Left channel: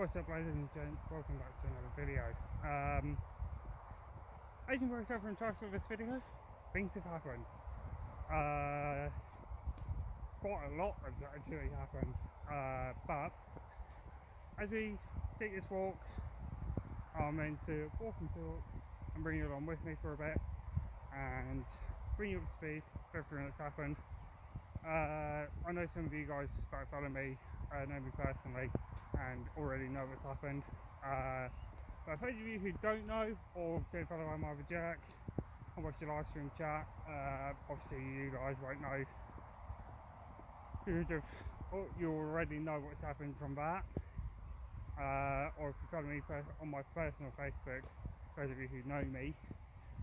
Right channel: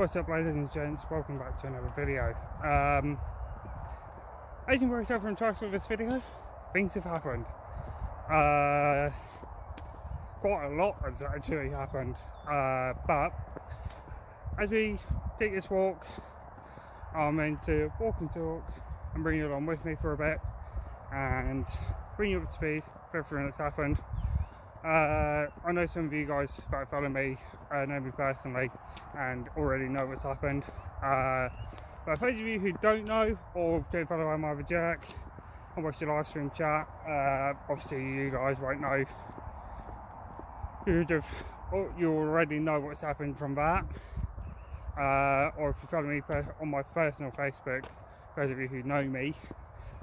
What's up, ladies and gents, welcome back to another video. As you can tell from the title of this video, things have happened. Quite a lot has actually happened, but as we take this walk, I'm meant to walk and talk and bring you along with me for a bit and bring you up to speed with everything that's happened. I know some of you guys that follow me know me personally and already know what's happened, but for those of you who don't know or don't follow I'm either Jack and watch the live stream chat, obviously you guys won't know. You already know what's happened from that, or if you follow me on my personal Facebook, for those of you who know me,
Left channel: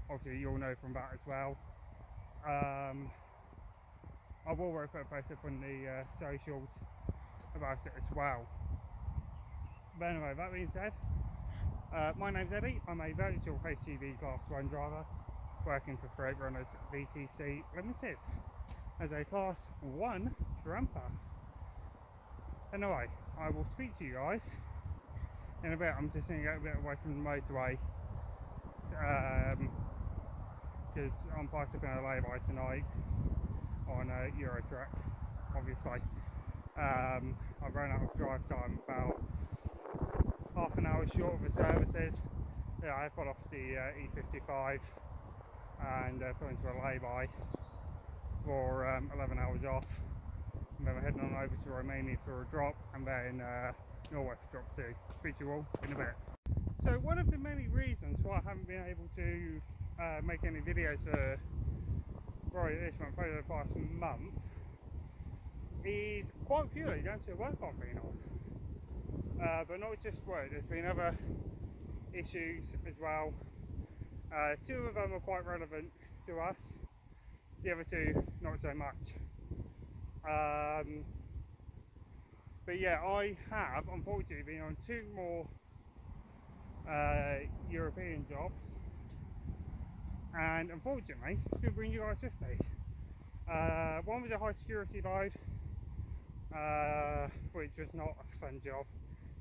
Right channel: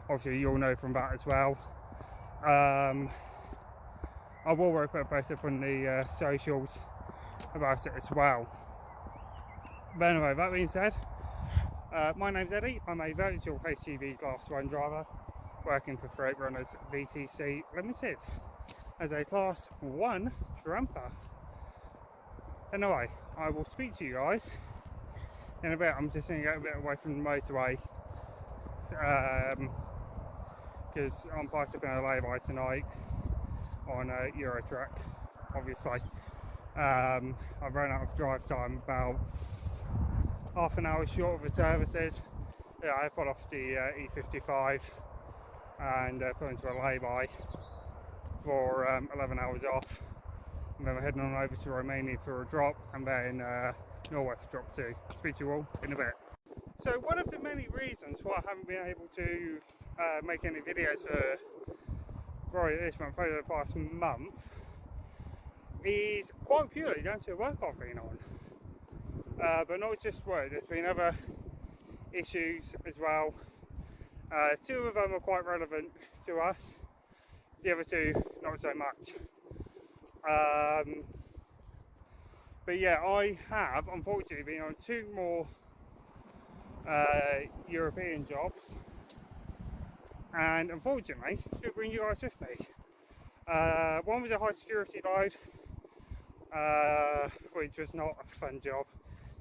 obviously you'll know from that as well. I will put a post up on the socials about it as well. But anyway, that being said, my name's Eddie. I'm a virtual HGV Class 1 driver working for Freight Runners VTC Limited as a Class 1 tramper. Anyway, I will speak to you guys in a bit. I'm just going to get a bit away from the motorway because I'm parked up in a lay-by tonight on a Euro truck, obviously. I've run out of drive time, about half an hour short of the services. Yeah, I put off the E55 and put into a lay-by for 11 hours off, and then we're heading on over to Romania for a drop, and then Norway for drop 2. Speak to you all in a bit. So one of the many reasons why I haven't been able to make any videos for probably this month, over the past month, is quite purely down to work I've been on. But not just work, there's been other issues as well. 2 of them are quite relevant to us, the other 2 not so much. But yeah, I have unfortunately been on 2 more European jobs, and unfortunately should bring you guys with me. One was a high security dive, which was not a fun job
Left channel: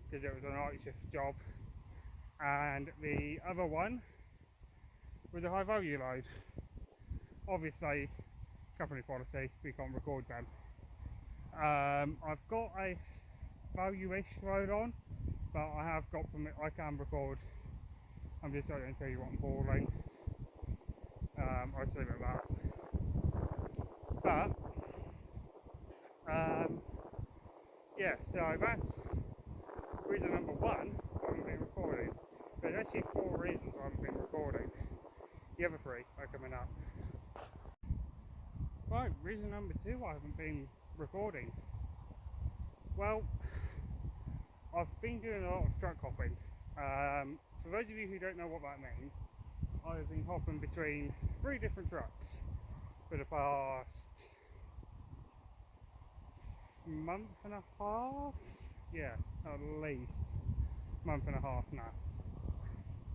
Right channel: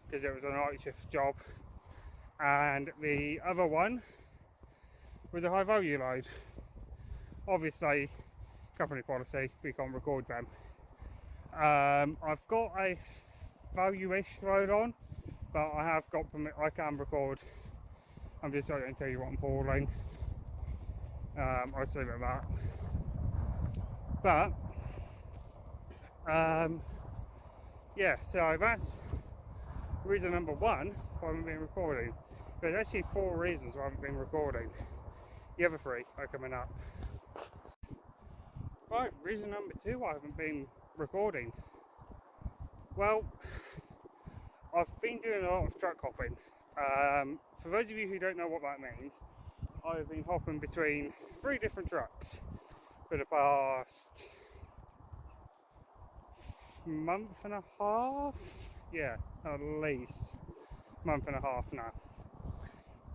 because it was a night shift job, and the other one was a high value load. Obviously company policy, we can't record them. I've got a value-ish load on, but I have got permit, I can record. I'm just not going to tell you what I'm hauling. I'll just leave it at that. But yeah, so that's reason number 1 why I haven't been recording. There's actually 4 reasons why I haven't been recording. The other 3 are coming up. Right, reason number 2 why I haven't been recording. Well, I've been doing a lot of truck hopping. For those of you who don't know what that means, I've been hopping between 3 different trucks for the past month and a half. Yeah, at least month and a half now.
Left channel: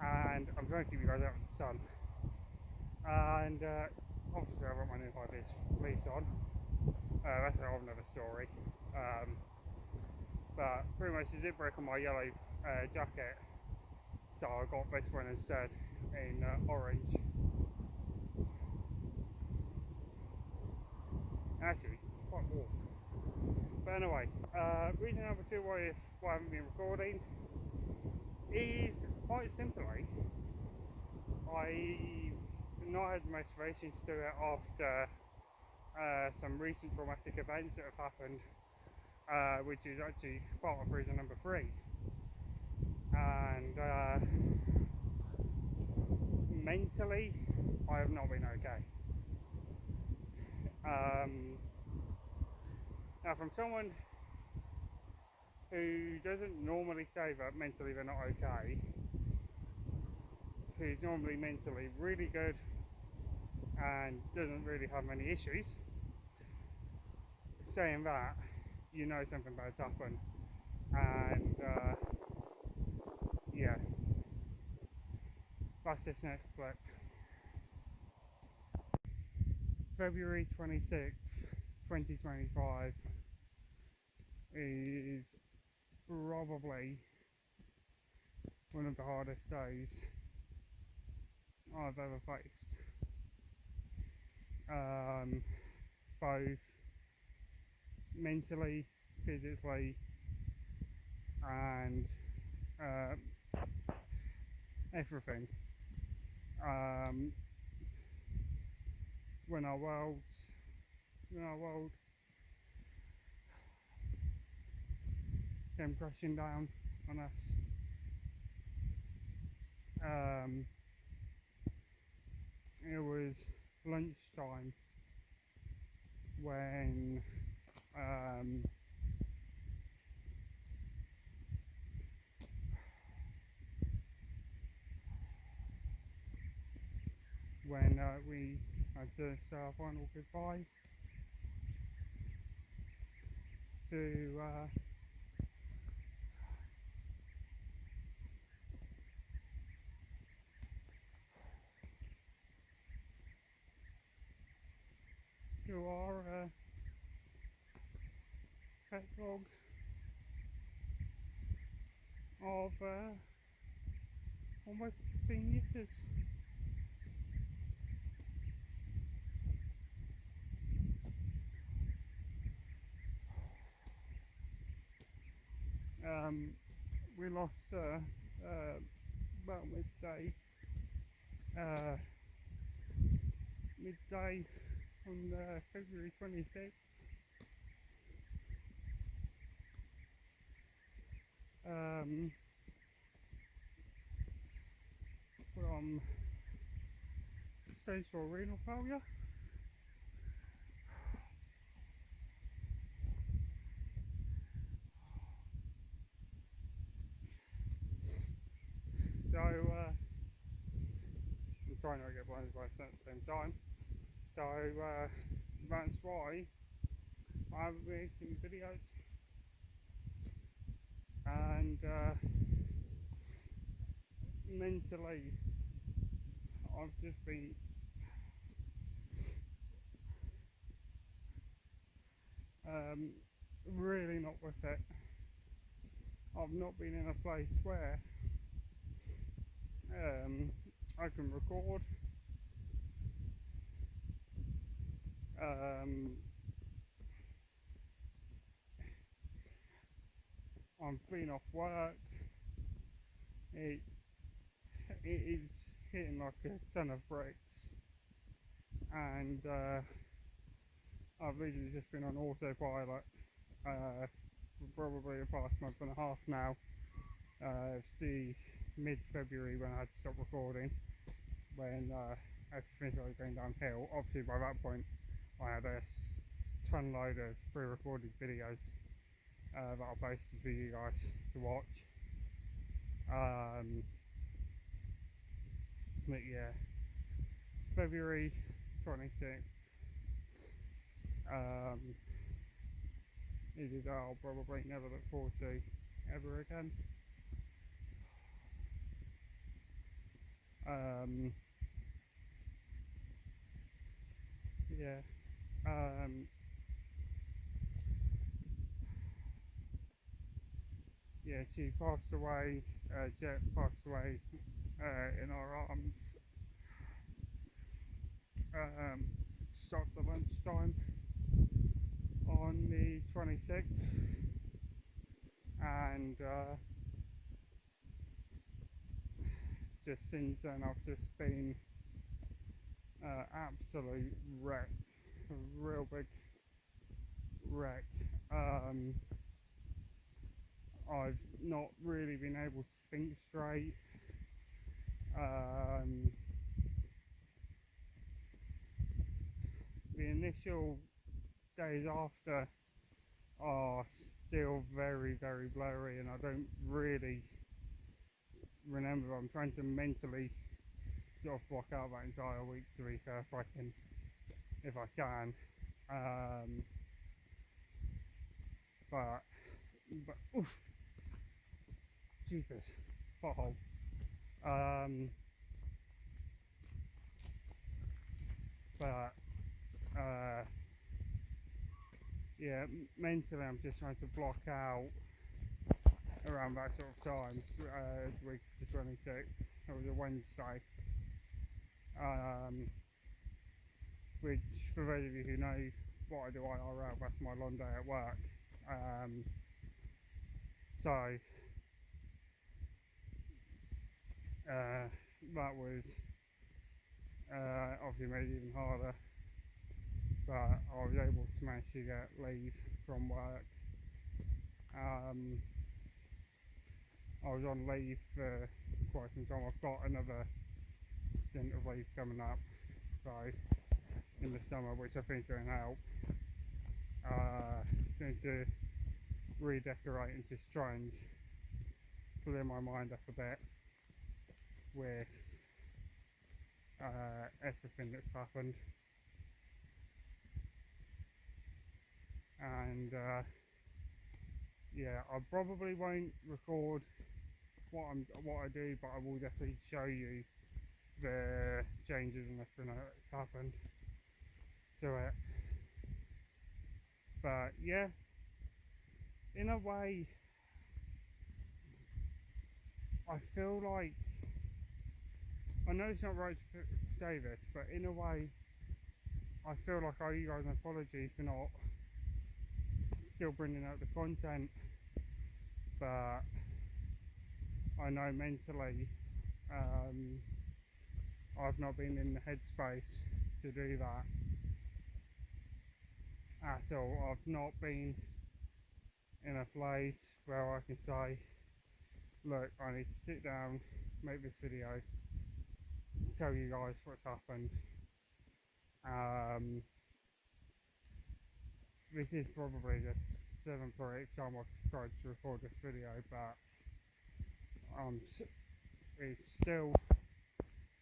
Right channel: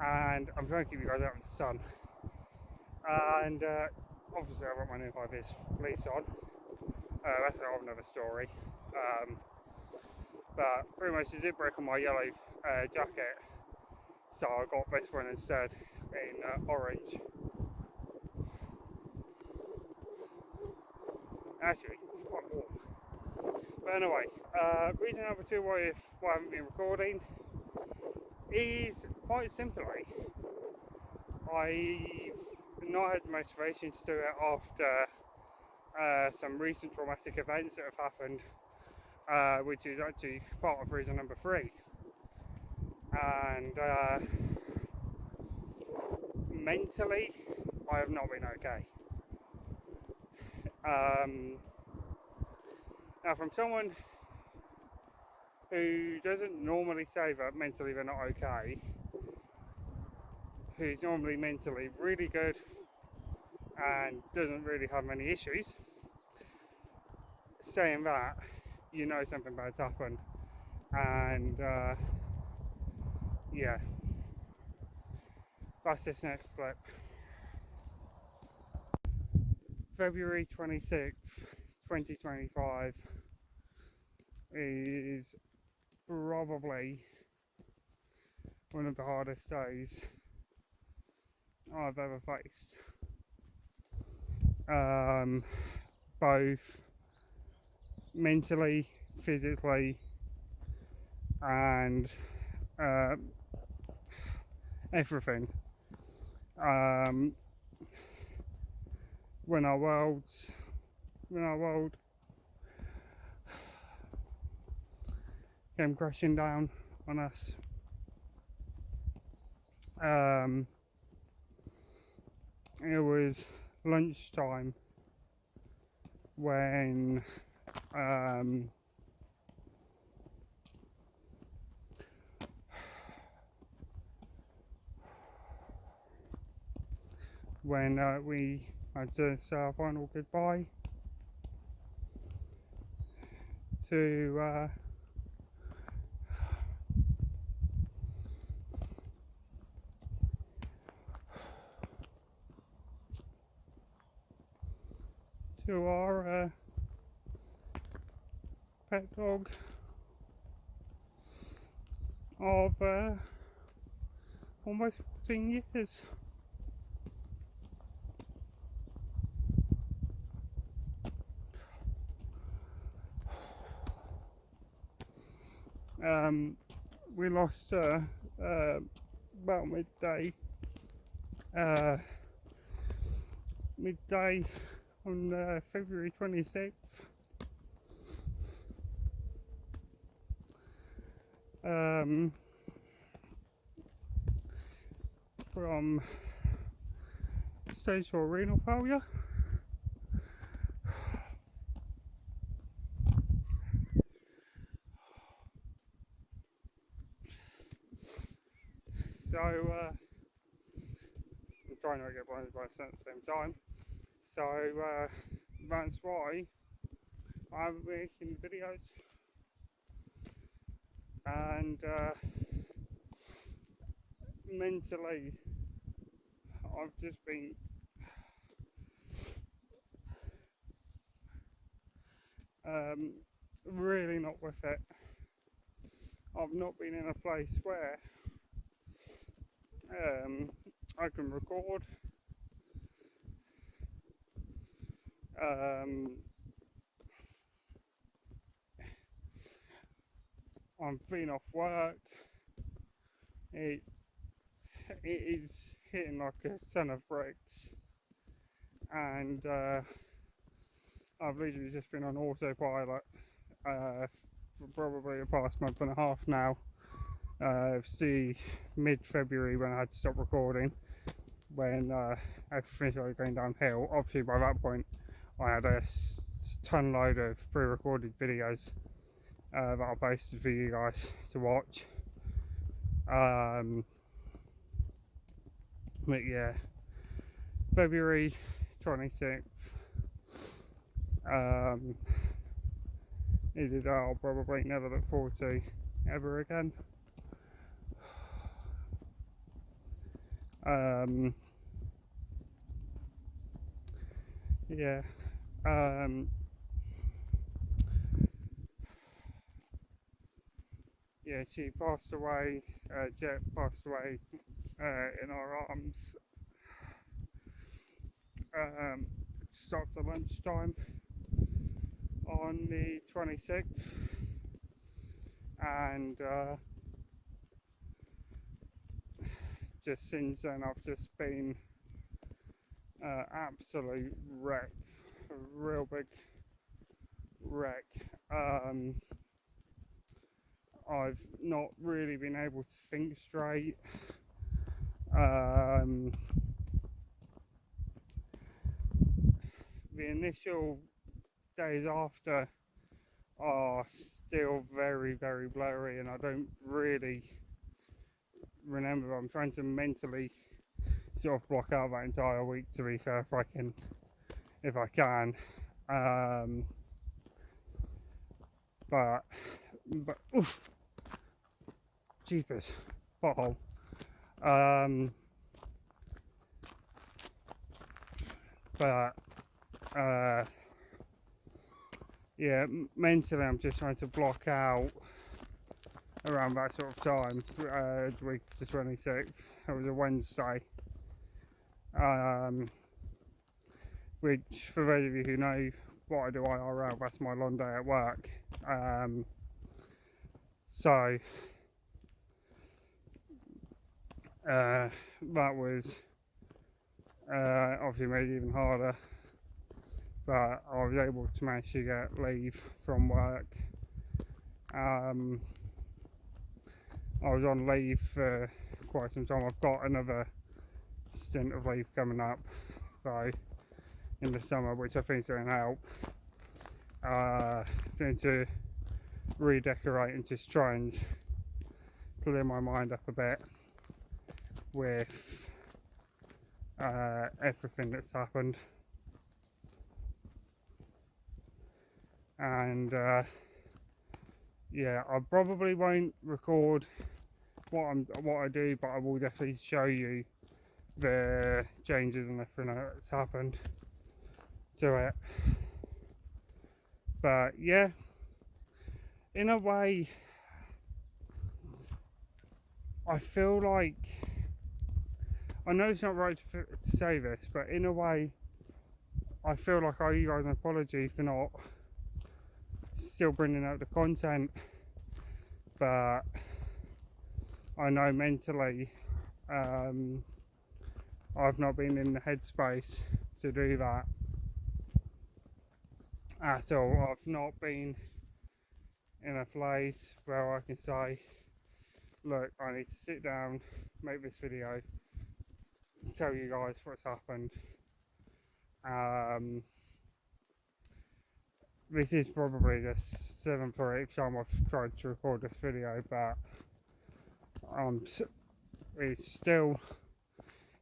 And I'm trying to keep you guys out of the sun. And obviously I've got my new high-vis fleece on. That's a whole another story. But pretty much the zip break on my yellow jacket, so I got this one instead in orange. Actually, it's quite warm. But anyway, reason number 2 why I haven't been recording is quite simply I've not had the motivation to do it after some recent traumatic events that have happened, which is actually part of reason number 3. And mentally, I have not been okay. Now, from someone who doesn't normally say that mentally they're not okay, who's normally mentally really good and doesn't really have many issues, saying that, you know something bad's happened. And yeah, that's this next clip. February 26th, 2025 is probably one of the hardest days I've ever faced. Both mentally, physically, and everything. When our world came crashing down on us. It was lunchtime when we had to say our final goodbye to our pet dog of almost 14 years. We lost about midday on February 26th. From stage 4 renal failure. So I'm trying not to get blinded by the sun at the same time. So that's why I haven't been making videos, and mentally I've just been really not with it. I've not been in a place where I can record. I'm being off work. It is hitting like a ton of bricks, and I've literally just been on autopilot for probably the past month and a half now. It's the mid-February when I had to stop recording, when everything started going downhill. Obviously by that point I had a ton load of pre-recorded videos that I posted for you guys to watch. But yeah, February 26th is a day I'll probably never look forward to ever again. Yeah. Yeah, she passed away, Jet passed away in our arms. Stopped at lunchtime on the 26th, and just since then I've just been absolute wreck, a real big wreck. I've not really been able to think straight. The initial days after are still very, very blurry, and I don't really remember. I'm trying to mentally sort of block out that entire week, to be fair, if I can. But oof, jeepers, pothole. But yeah, mentally I'm just trying to block out around that sort of time, the week of the 26th. It was a Wednesday. Which, for those of you who know what I do IRL, that's my long day at work. So that was obviously made it even harder, but I was able to manage to get leave from work. I was on leave for quite some time. I've got another stint of leave coming up, so in the summer, which I think is going to help. Going to redecorate and just try and clear my mind up a bit with everything that's happened, and yeah, I probably won't record what I do, but I will definitely show you the changes and everything that's happened to it. But yeah, in a way, I feel like, I know it's not right to say this, but in a way I feel like I owe you guys an apology for not still bringing out the content, but I know mentally I've not been in the headspace to do that at all. I've not been in a place where I can say, look, I need to sit down, make this video, tell you guys what's happened. This is probably the 7th or 8th time I've tried to record this video, but it's still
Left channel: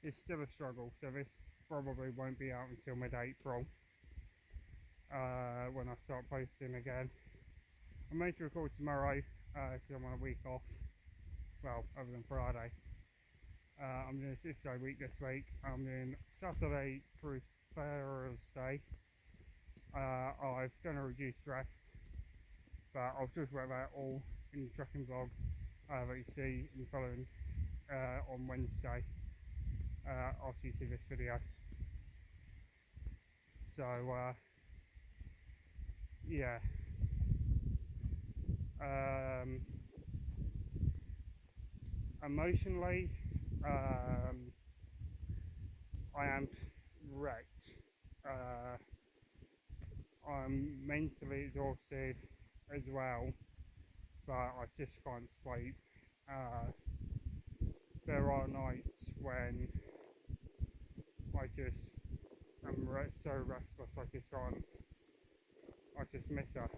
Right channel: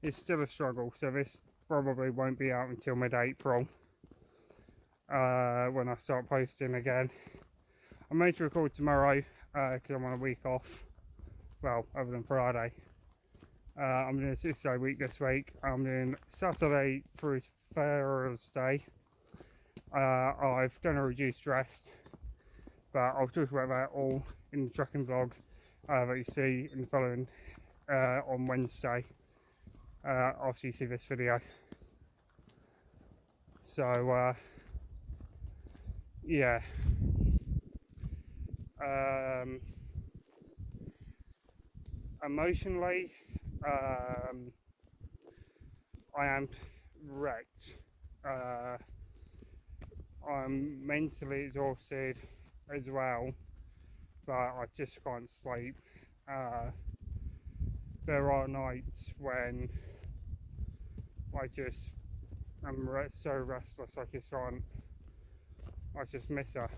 a struggle. So this probably won't be out until mid-April, when I start posting again. I'm meant to record tomorrow because I'm on a week off, well, other than Friday. I'm doing a 6-day week this week. I'm doing Saturday through Thursday. I've done a reduced rest, but I'll talk about that all in the trucking vlog that you see in the following on Wednesday after you see this video. So yeah, emotionally I am wrecked. I'm mentally exhausted as well, but I just can't sleep. There are nights when I just am so restless I just miss her,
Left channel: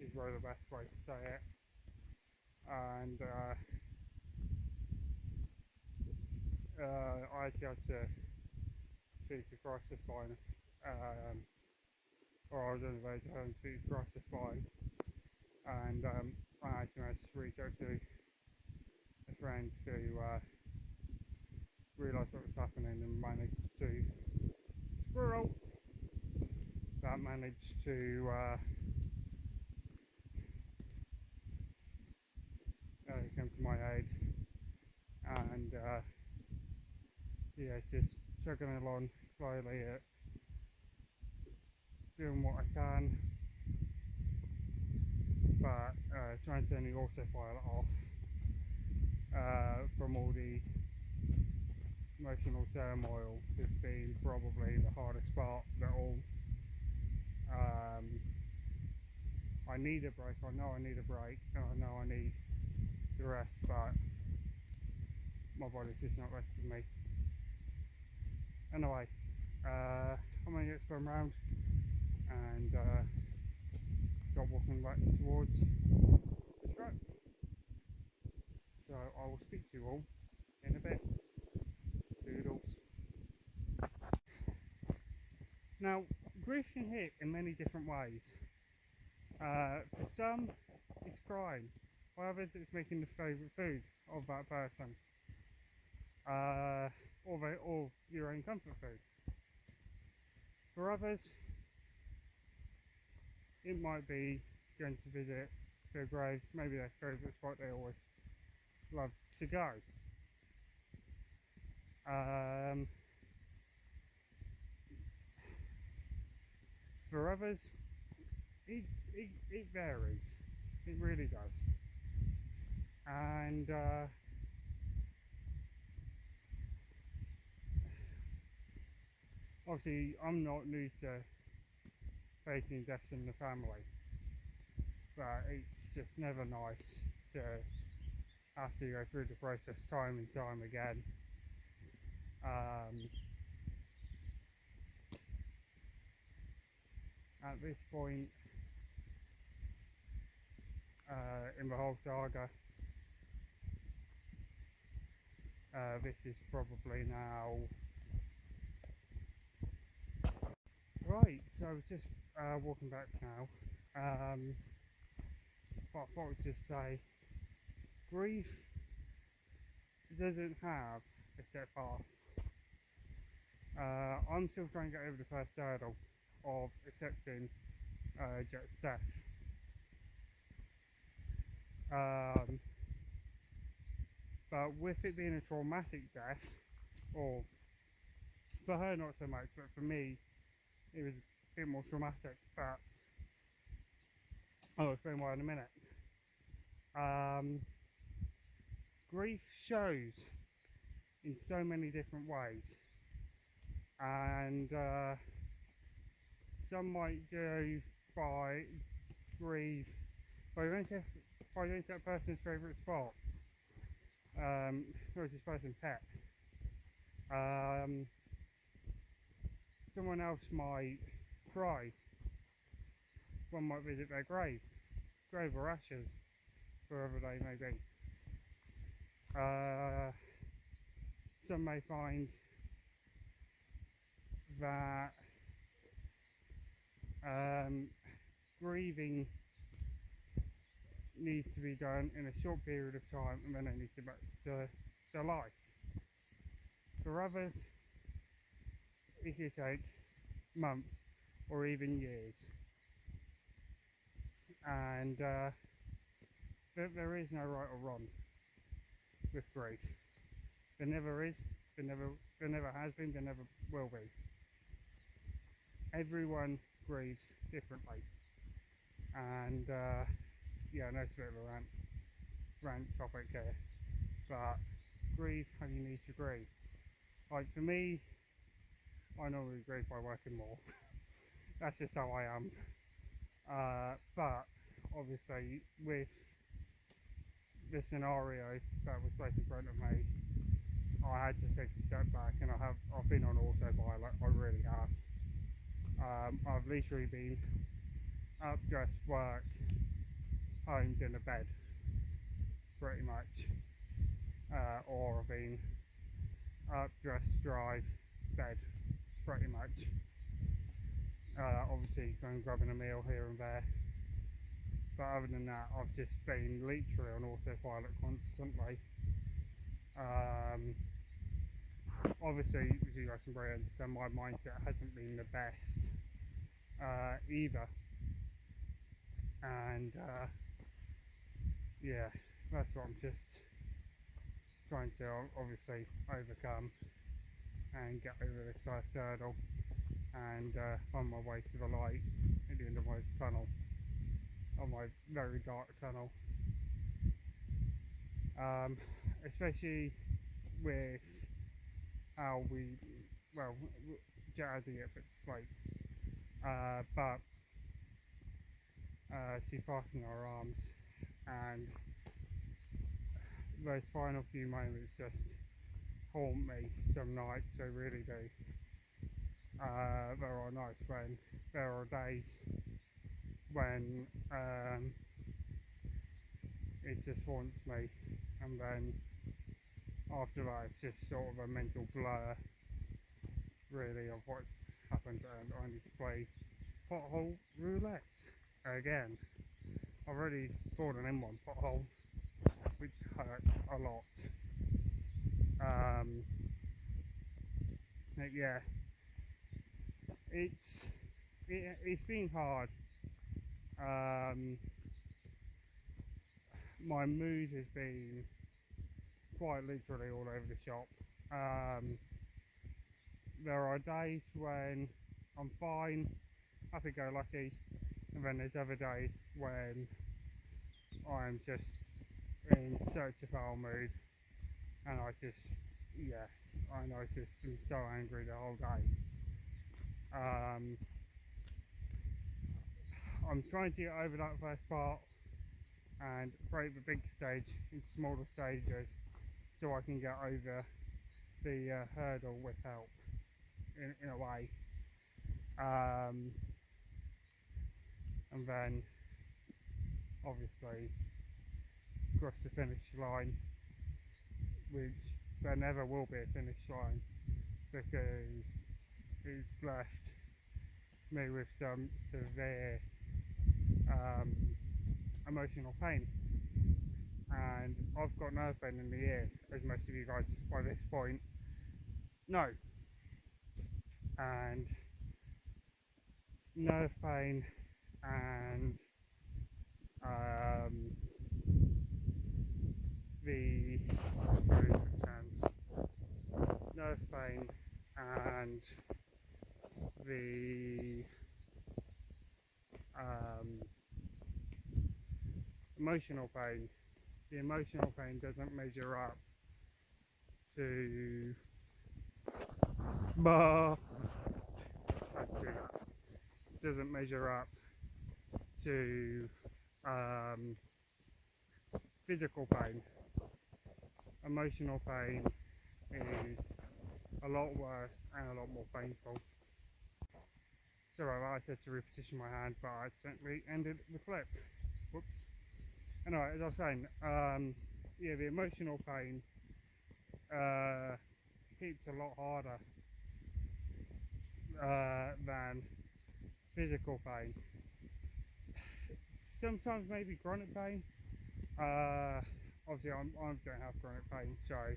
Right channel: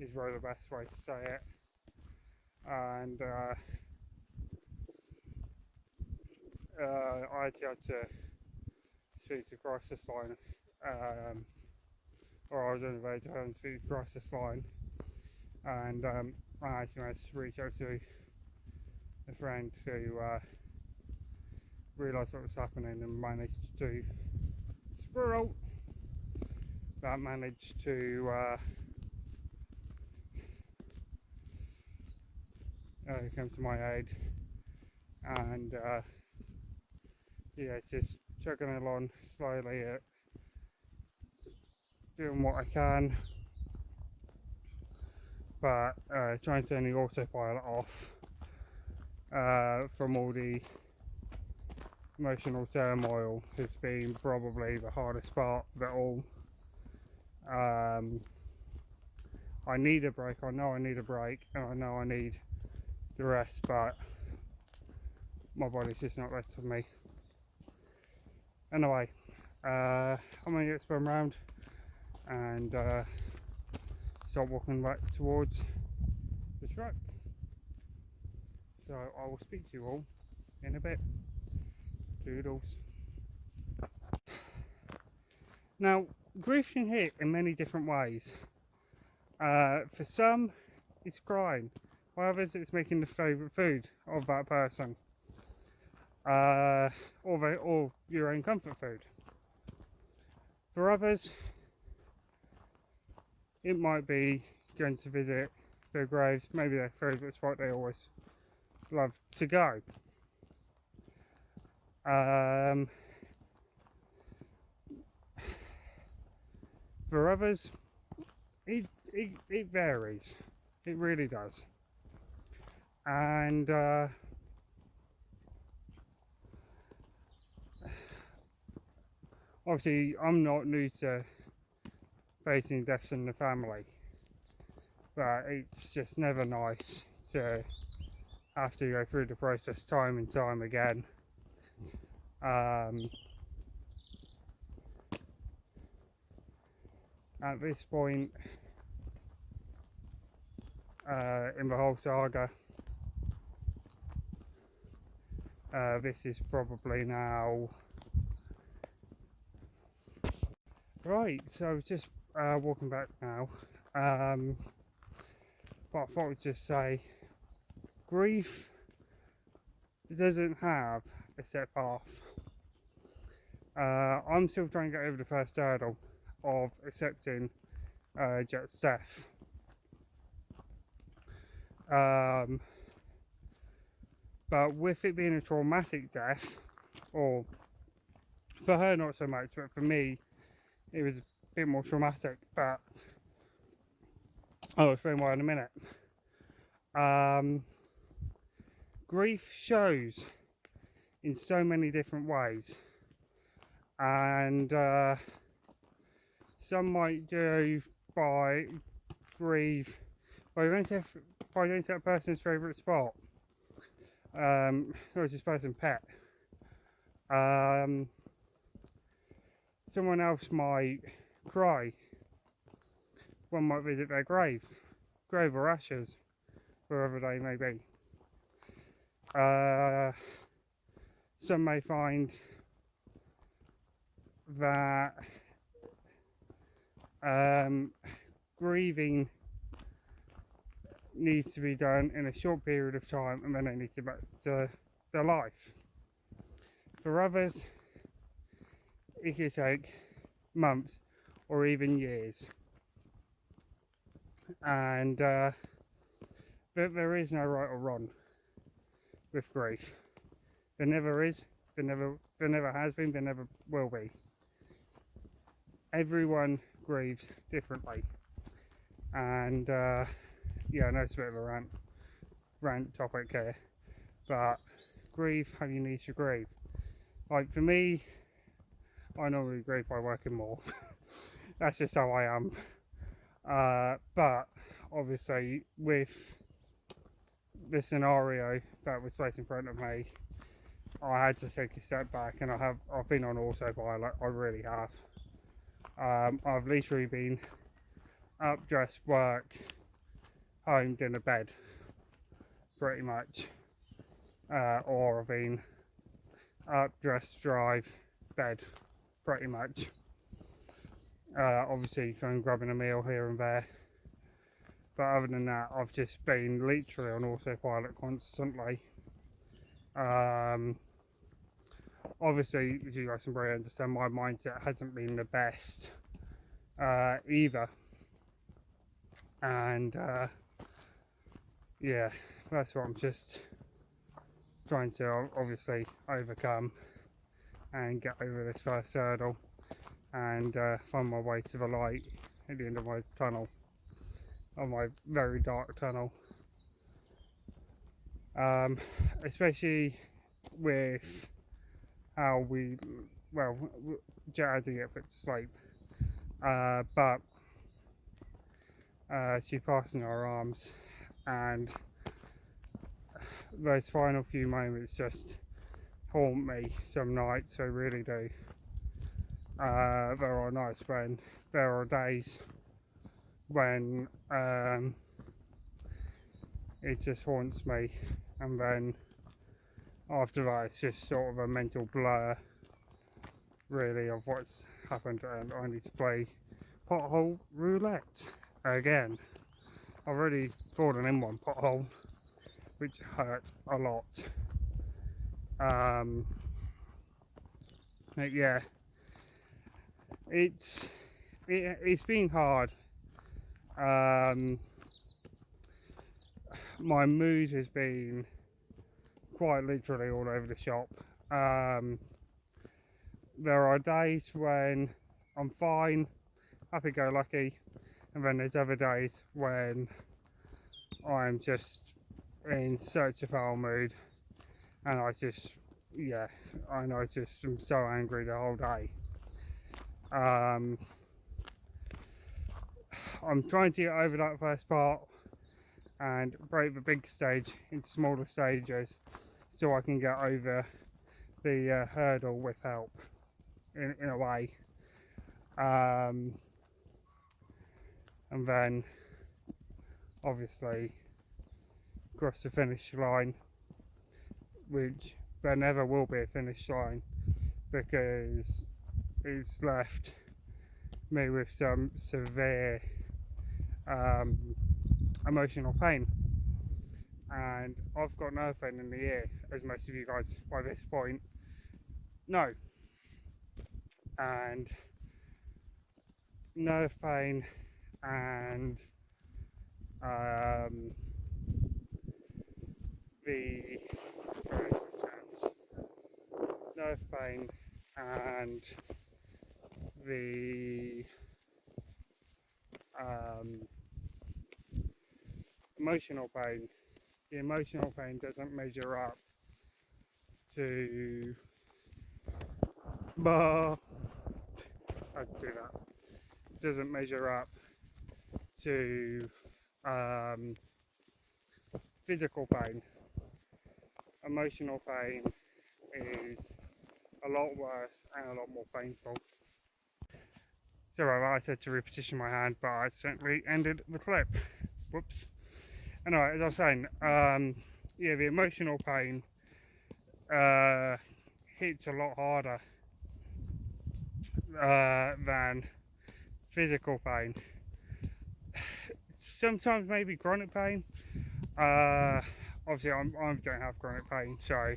is really the best way to say it. And I actually had to speak to crisis line, or I was on the way to home to speak to crisis line, and I actually managed to reach out to a friend who realised what was happening and managed to come to my aid, and yeah, it's just chugging along slowly at doing what I can, but trying to turn the autopilot off from all the emotional turmoil has been probably the hardest part of it all. I need a break. I know I need a break, and I know I need the rest, but my body's just not ready for me. Anyway, I'm gonna get spun round and start walking back towards the truck. So I will speak to you all in a bit. Doodles. Now, grief can hit in many different ways. For some, it's crying. For others, it's making the favourite food of that person, or your own comfort food. For others, it might be going to visit their graves, maybe their favourite spot they always love to go. For others, it varies. It really does. And obviously, I'm not new to facing deaths in the family, but it's just never nice to have to go through the process time and time again. At this point in the whole saga, this is probably now right. So just walking back now, but I thought I'd just say, grief doesn't have a set path. I'm still trying to get over the first hurdle of accepting Jet's death. But with it being a traumatic death, or for her not so much, but for me it was a bit more traumatic, but I'll explain why in a minute. Grief shows in so many different ways, and some might do by grief by going to that person's favourite spot, or this person's pet. Someone else might cry. One might visit their grave or ashes, wherever they may be. Some may find that grieving needs to be done in a short period of time, and then they need to get back to their life. For others, it could take months or even years, and there is no right or wrong with grief. There never is, there never has been, there never will be. Everyone grieves differently, and yeah, I know it's a bit of a rant topic here, but grieve how you need to grieve. Like for me, I normally grieve by working more. That's just how I am. But obviously with the scenario that was placed in front of me, I had to take a step back, and I've been on autopilot. I really have. I've literally been up, dressed, work, home, dinner, bed, pretty much. Or I've been up, dressed, drive, bed, pretty much. Obviously going grabbing a meal here and there, but other than that, I've just been literally on autopilot constantly. Obviously, as you guys can probably understand, my mindset hasn't been the best either, and yeah, that's what I'm just trying to obviously overcome and get over this first hurdle, and find my way to the light at the end of my tunnel, of my very dark tunnel. Especially with how Jet had to get put to sleep, but she passed in our arms, and those final few moments just haunt me some nights. They really do. There are nights when there are days when it just haunts me, and then after that it's just sort of a mental blur really of what's happened, and I need to play pothole roulette again. I've already fallen in one pothole, which hurt a lot. Yeah, it's been hard. my mood has been quite literally all over the shop. There are days when I'm fine, happy-go-lucky, and then there's other days when I'm just in such a foul mood, and I just, yeah, I know, just I'm so angry the whole day. I'm trying to get over that first part and break the big stage into smaller stages so I can get over the hurdle with help in a way, and then obviously cross the finish line, which there never will be a finish line because it's left me with some severe emotional pain, and I've got nerve pain in the ear, as most of you guys by this point know, and nerve pain and the nerve pain and the emotional pain. The emotional pain doesn't measure up to I can do that. Doesn't measure up to physical pain. Emotional pain is a lot worse and a lot more painful. So I said to reposition my hand, but I accidentally ended the clip. Whoops. Anyway, as I was saying, yeah, the emotional pain hits a lot harder than physical pain. Sometimes maybe chronic pain. Obviously, I don't have chronic pain, so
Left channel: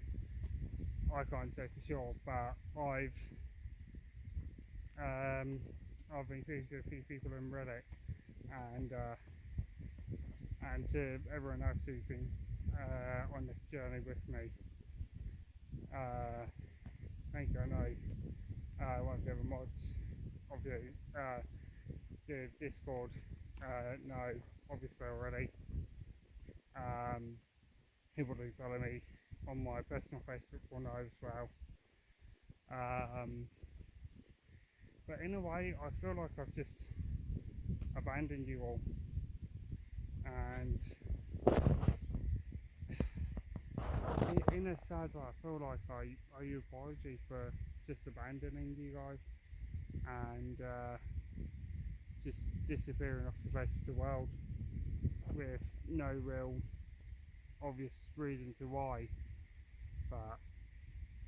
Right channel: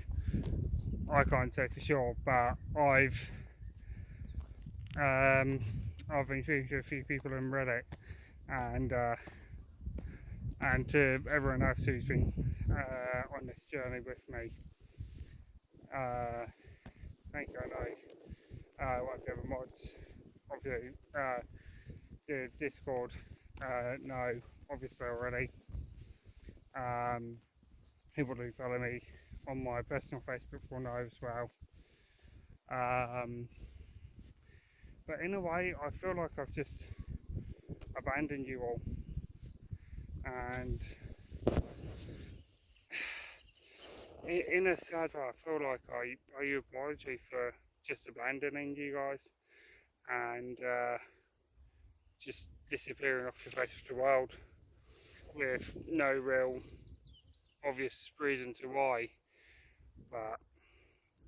I can't say for sure. But I've been speaking to a few people in Reddit, and to everyone else who's been on this journey with me. Thank you. I know one of the other mods, obviously, the Discord, know obviously already. People who follow me on my personal Facebook will know as well. But in a way, I feel like I've just abandoned you all, and in a sad way, I feel like I owe you an apology for just abandoning you guys and just disappearing off the face of the world with no real obvious reason to why. But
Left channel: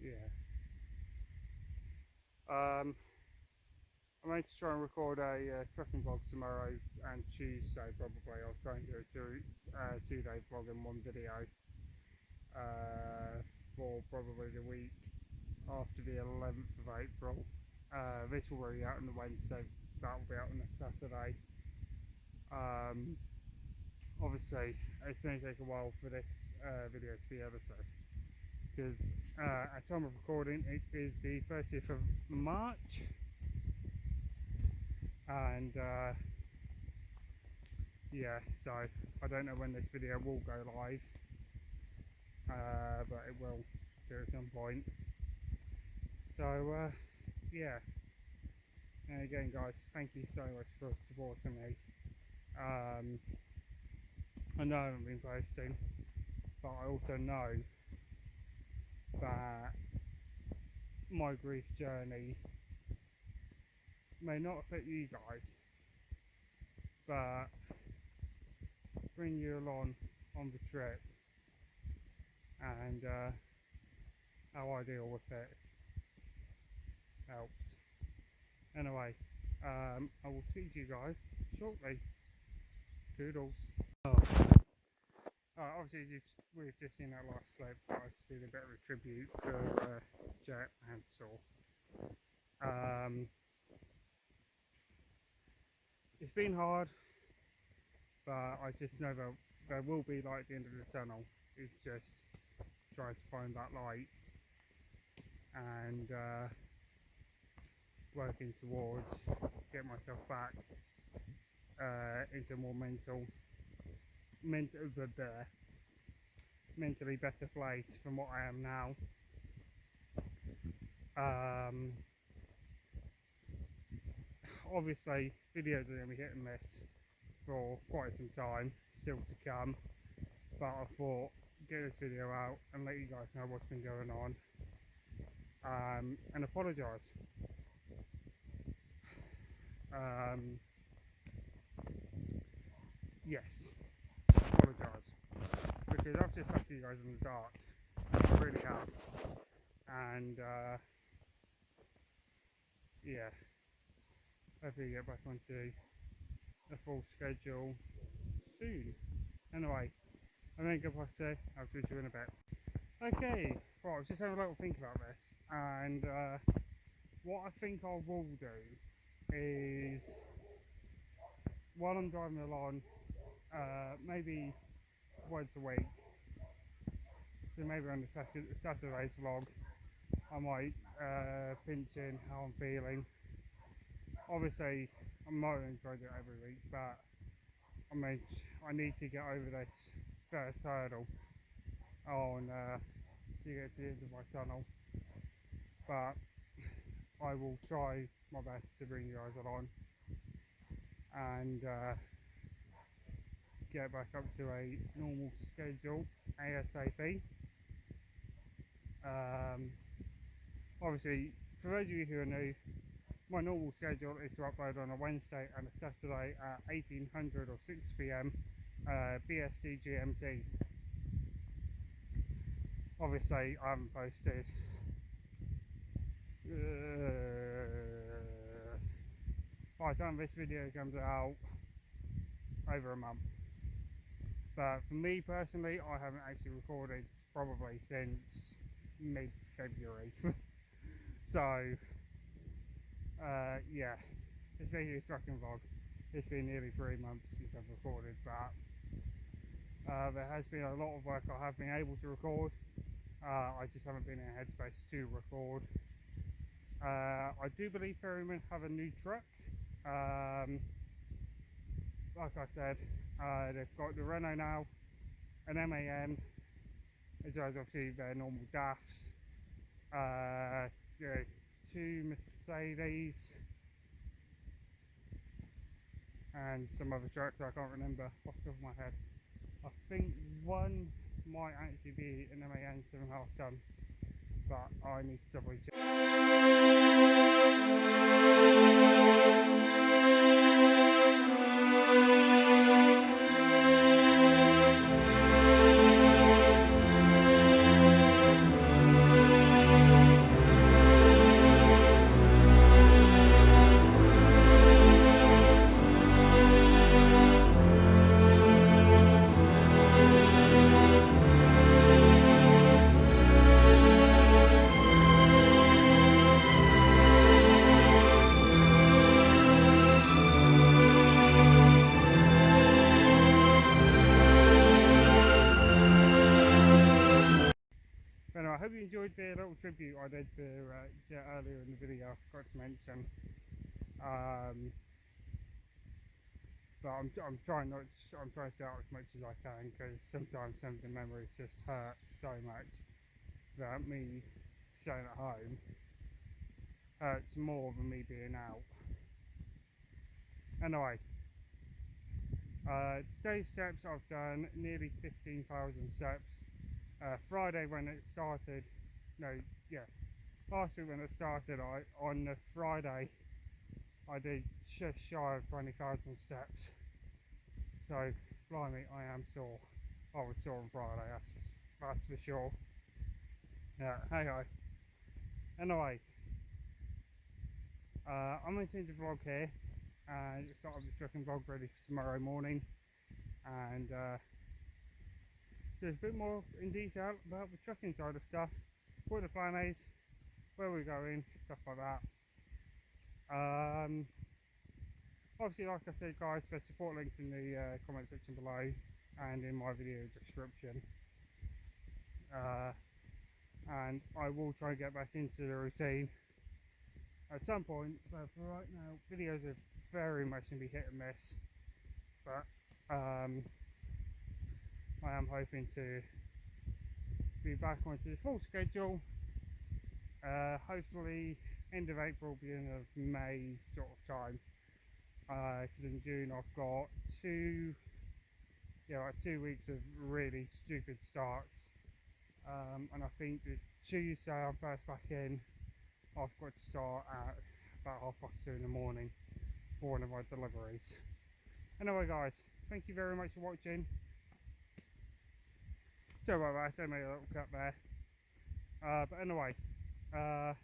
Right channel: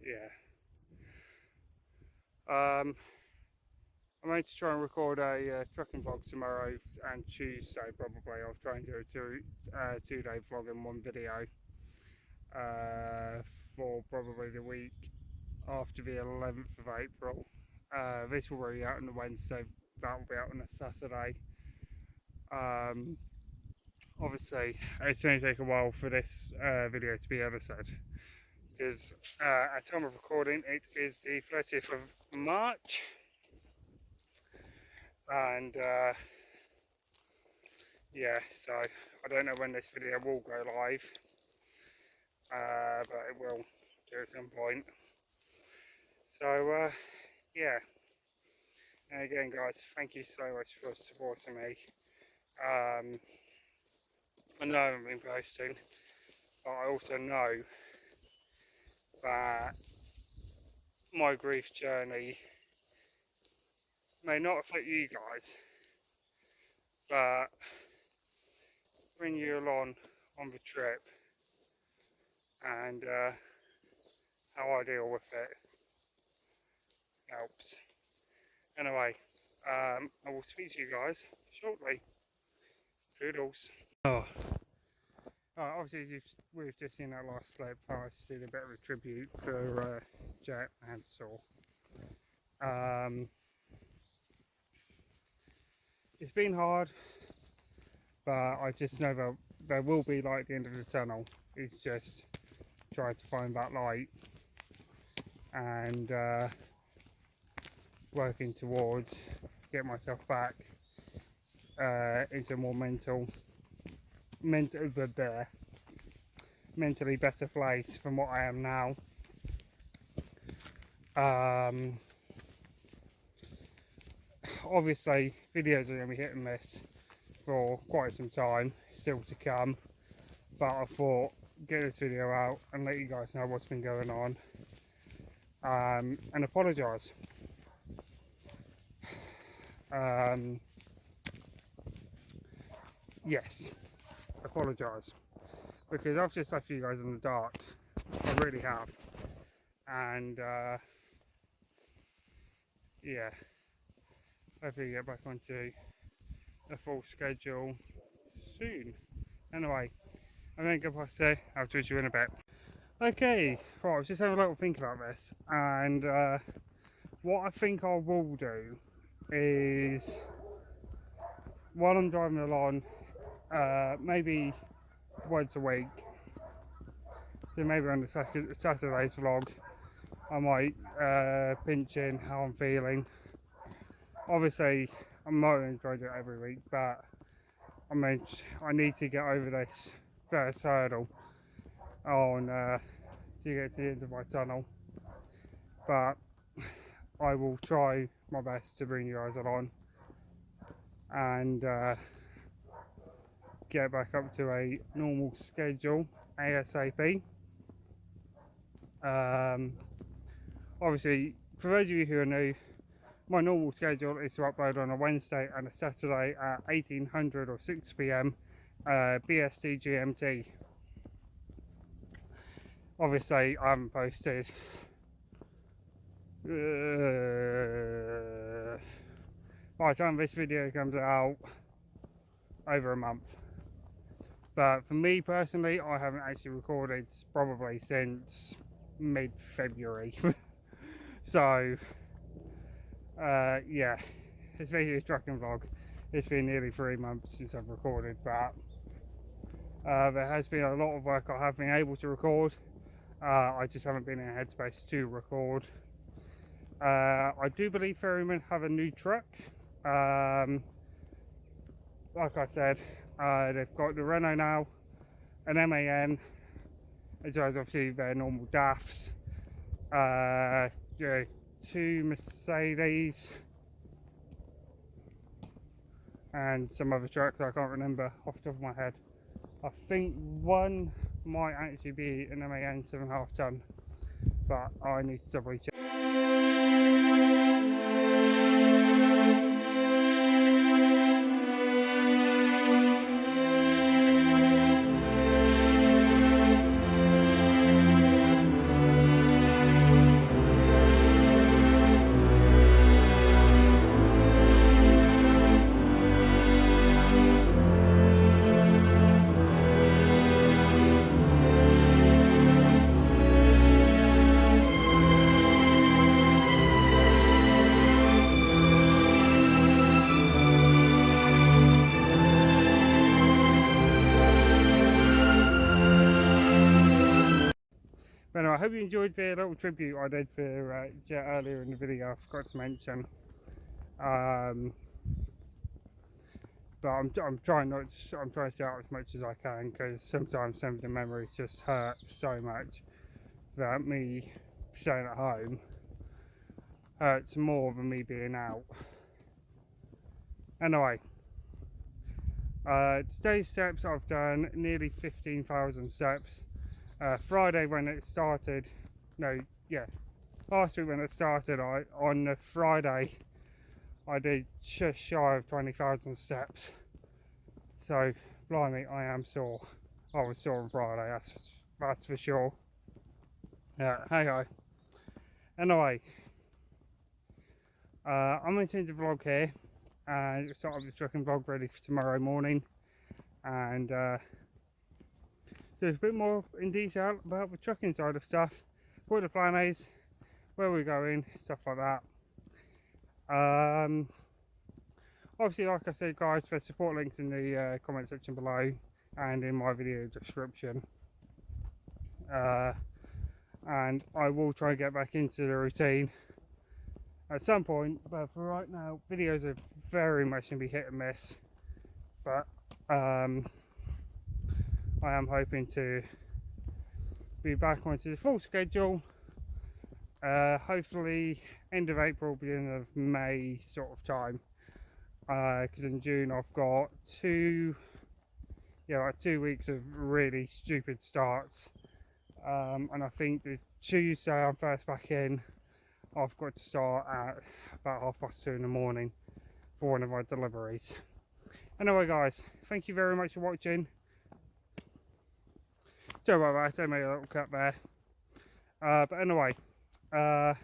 yeah, I'm going to try and record a trucking vlog tomorrow and Tuesday probably. I'll try and do a two-day vlog in one video for probably the week after the 11th of April. This will be out on the Wednesday, that will be out on a Saturday. Obviously it's going to take a while for this video to be edited because at time of recording it is the 30th of March, and yeah, so I don't know when this video will go live, but it will do at some point. So yeah, and again guys, thank you so much for supporting me. I know I haven't been posting, but I also know that my grief journey may not affect you guys, but bring you along on the trip and how I deal with it helps. Anyway, I will speak to you guys shortly. Toodles. Oh. Obviously, we've just seen that last clip. I did a bit of a tribute to Jet and Saw. It's been hard. but I just know that there will be light at the end of the tunnel. It's just trying to find that light and working towards get myself back into a more mentally better place from what I am now. Obviously videos are going to be hit and miss for quite some time still to come, but I thought get this video out and let you guys know what's been going on, and apologise. Yes, apologise, because I've just left you guys in the dark. I really have, and yeah, hopefully get back onto a full schedule soon. Anyway, I'm going to go past there. I'll talk to you in a bit. Okay, right, I was just having a little think about this, and what I think I will do is, while I'm driving along, maybe once a week, so maybe on the Saturday's vlog, I might pinch in how I'm feeling. Obviously, I'm not going to try to do it every week, but I mean, I need to get over this first hurdle on to get to the end of my tunnel. But I will try my best to bring you guys along and get back up to a normal schedule ASAP. Obviously, for those of you who are new, my normal schedule is to upload on a Wednesday and a Saturday at 1800 or 6 PM BST GMT. Obviously, I haven't posted by the time this video comes out, over a month. But for me personally, I haven't actually recorded probably since mid-February. So yeah, especially a trucking vlog, it's been nearly 3 months since I've recorded, but there has been a lot of work I have been able to record. I just haven't been in a headspace to record. I do believe Ferryman have a new truck. Like I said, they've got the Renault now, an MAN, as well as obviously their normal DAFs, 2 Mercedes, and some other trucks I can't remember off the top of my head. I think one might actually be an MAN 7.5 ton, but I need to double check. But anyway, I hope you enjoyed the little tribute I did for Jet earlier in the video. I forgot to mention. But I'm trying not to, I'm trying to stay out as much as I can, because sometimes some of the memories just hurt so much that me staying at home hurts more than me being out. Anyway, today's steps, I've done nearly 15,000 steps. Friday when it started, last week when it started, on the Friday I did just shy of 20,000 steps. So, blimey, I am sore. I was sore on Friday, that's for sure. Yeah, hey ho. Anyway, I'm going to end the vlog here and start up the trucking vlog ready for tomorrow morning, and there's a bit more in detail about the trucking side of stuff, what the plan is, where we're going, stuff like that. obviously, like I said guys, there's support links in the comment section below and in my video description, and I will try and get back into the routine at some point, but for right now videos are very much going to be hit and miss, but I am hoping to be back onto the full schedule, hopefully end of April, beginning of May sort of time, because in June I've got like 2 weeks of really stupid starts, and I think the Tuesday I'm first back in, I've got to start at about 2:30 in the morning for one of my deliveries. Anyway guys, thank you very much for watching. Sorry about that, I made a little cut there, but anyway, as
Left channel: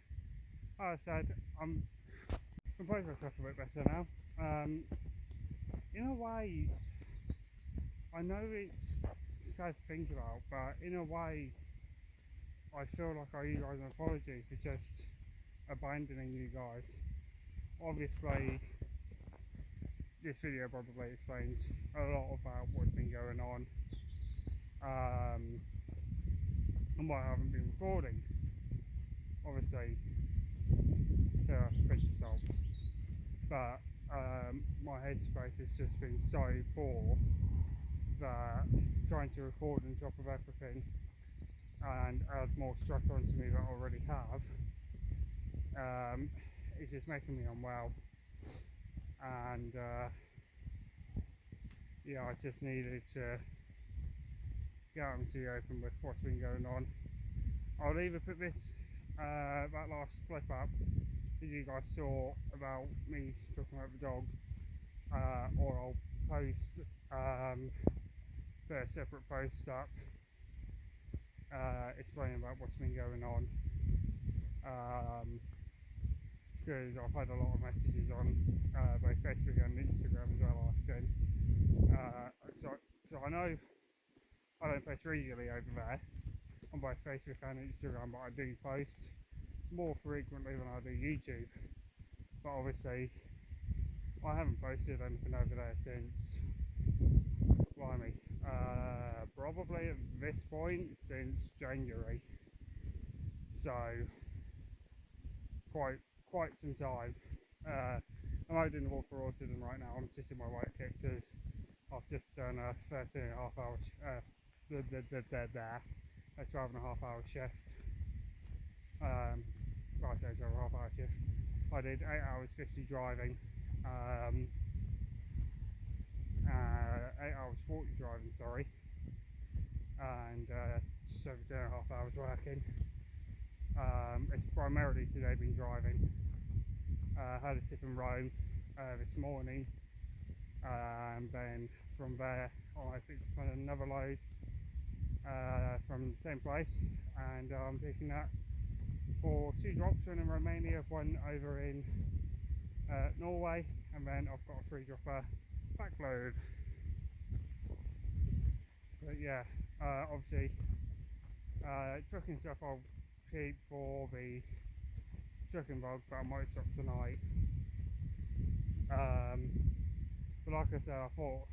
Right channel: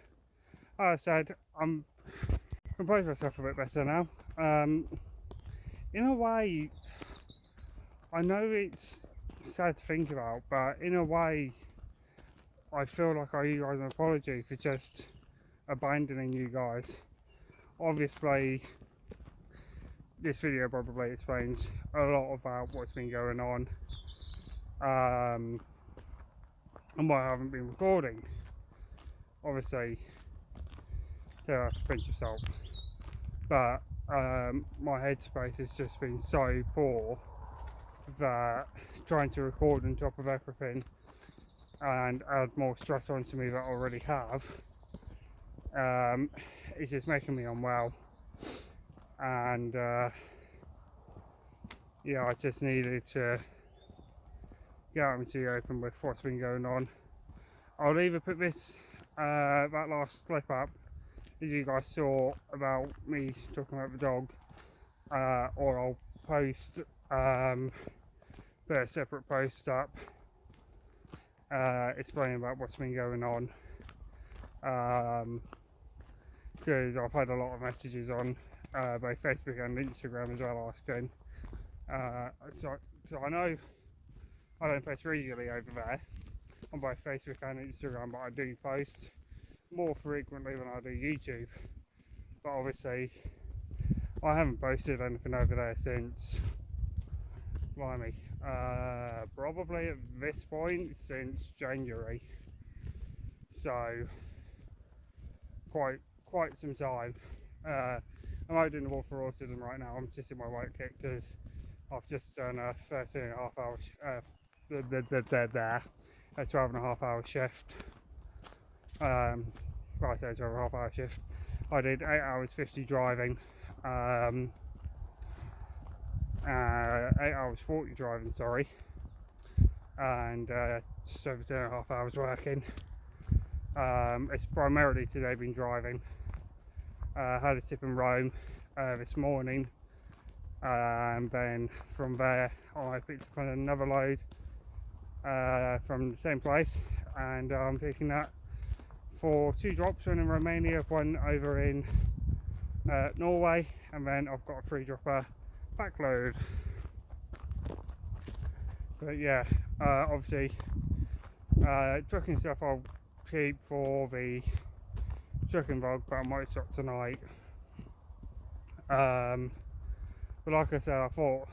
I said, I'm composed myself a bit better now. In a way, I know it's sad to think about, but in a way I feel like I owe you guys an apology for just abandoning you guys. Obviously this video probably explains a lot about what's been going on, and why I haven't been recording. Obviously there are a pinch of salt, but my headspace has just been so poor that trying to record on top of everything and add more stress onto me that I already have, it's just making me unwell, and yeah, I just needed to get out into the open with what's been going on. I'll either put this that last clip up, as you guys saw, about me talking about the dog, or I'll post put a separate post up explaining about what's been going on, because I've had a lot of messages on both Facebook and Instagram as well asking, so I know I don't post regularly over there on both Facebook and Instagram, but I do post more frequently than I do YouTube. But obviously I haven't posted anything over there since, blimey, probably at this point since January, so quite some time. I'm out doing the walk for autism right now. I'm just in my white kit because I've just done a 13.5 hour a 12.5 hour shift. Well, I say 12.5 hour shift. I did 8 hours 50 driving, 8 hours 40 driving, sorry, and just over 10.5 hours working. It's primarily today been driving. Had a tip in Rome this morning, and then from there I picked up another load from the same place, and I'm taking that for 2 drops, one in Romania, one over in Norway, and then I've got a 3 dropper backload. But yeah, obviously trucking stuff I'll keep for the trucking vlog, but I might stop tonight. But like I said, I thought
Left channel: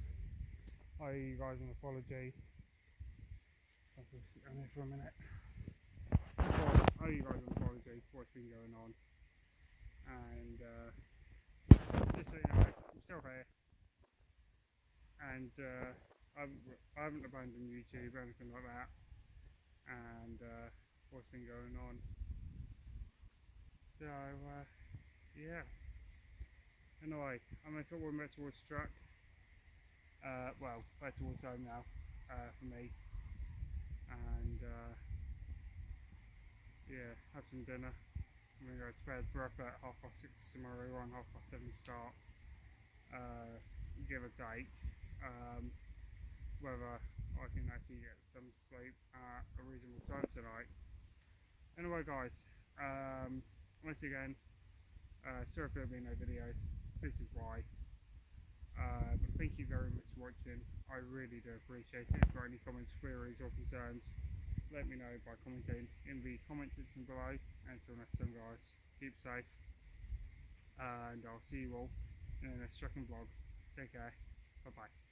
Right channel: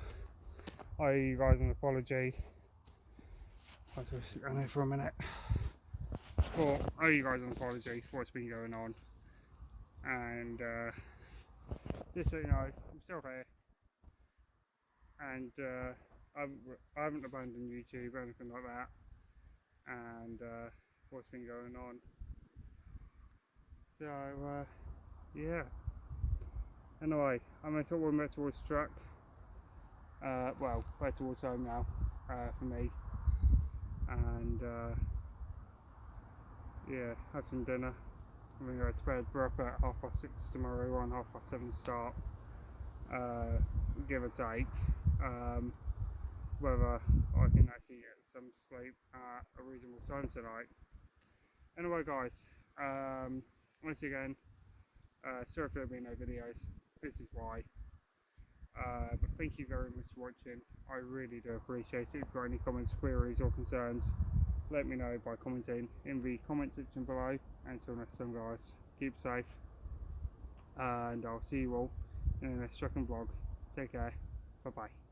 I owe you guys an apology. I'll just sit down here for a minute. I thought I owe you guys an apology for what's been going on, and just so you know, I'm still here, and I haven't abandoned YouTube or anything like that, and what's been going on. So yeah, anyway, I'm going to talk one back towards the truck, well, back towards home now, for me, and yeah, have some dinner. I'm going to go to bed. We're up at 6:30 tomorrow, we're on 7:30 start, give or take. Whether I can actually get some sleep at a reasonable time tonight. Anyway guys, once again, sorry for there being no videos, this is why, but thank you very much for watching. I really do appreciate it. If you've got any comments, queries or concerns, let me know by commenting in the comment section below. Until next time guys, keep safe, and I'll see you all in the next trucking vlog. Take care. Bye bye.